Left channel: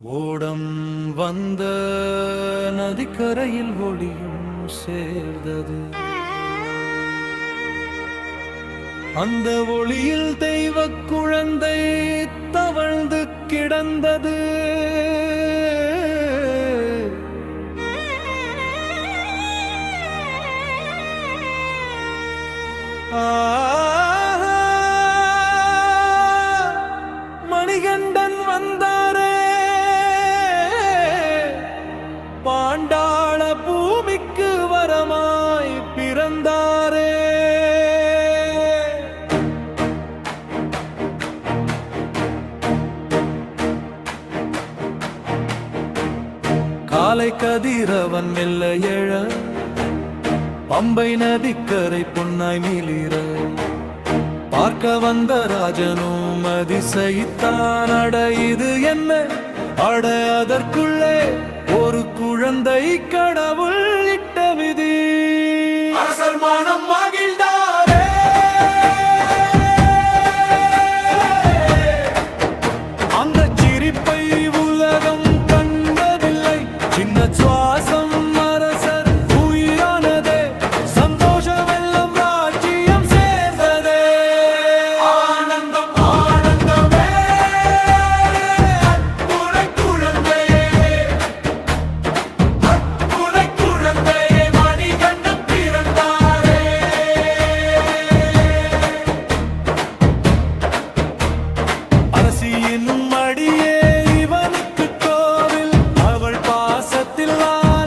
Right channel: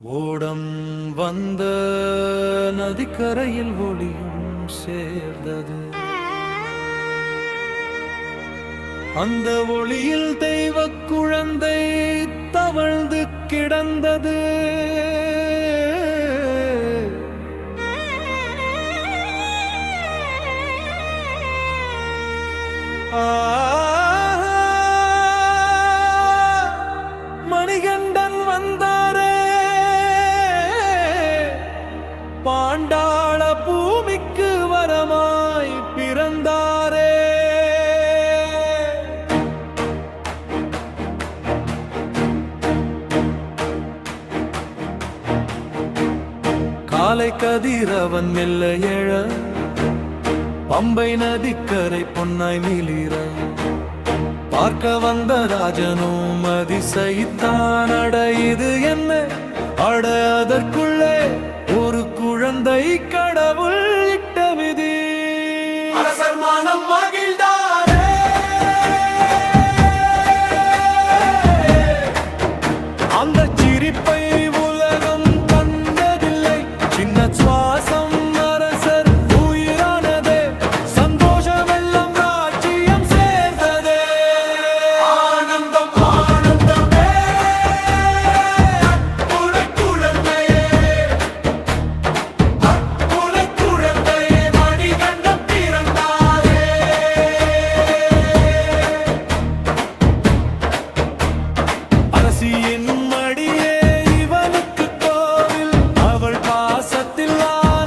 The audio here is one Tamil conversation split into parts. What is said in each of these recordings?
ஓடம் வந்த நதிக்கரையில் ஒளியும் சேர்ந்தது. அந்த ஒளியில் தெய்வ குழந்தை தவழ்ந்து கிடந்தது. ஆ பாண்டாள பூமிக்கு வரமாய் பிறந்தாரே. காலை கதிரவன் மெல்ல எழ பம்பை நதிக்கரை பொன்னாய் மிளிர பார்க்க வந்த ராஜனும் அதிசயித்தான். அட இது என்ன? அட அதற்குள்ளே ஒரு குழந்தை கடவுள் இட்ட விதி. அரசர் மனம் மகிழ்ந்தாரே. அந்த சிரிப்பை உலகம் கண்டதில்லை. சின்ன சுவாசம் காசியின் மடியே இவனுக்கு கோவில். அவள் பாசத்தில் ஆ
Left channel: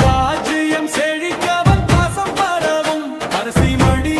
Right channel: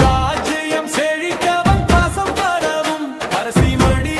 ராஜ்யம் செழிக்கவும் பாசம் பரவும் அரசி மடி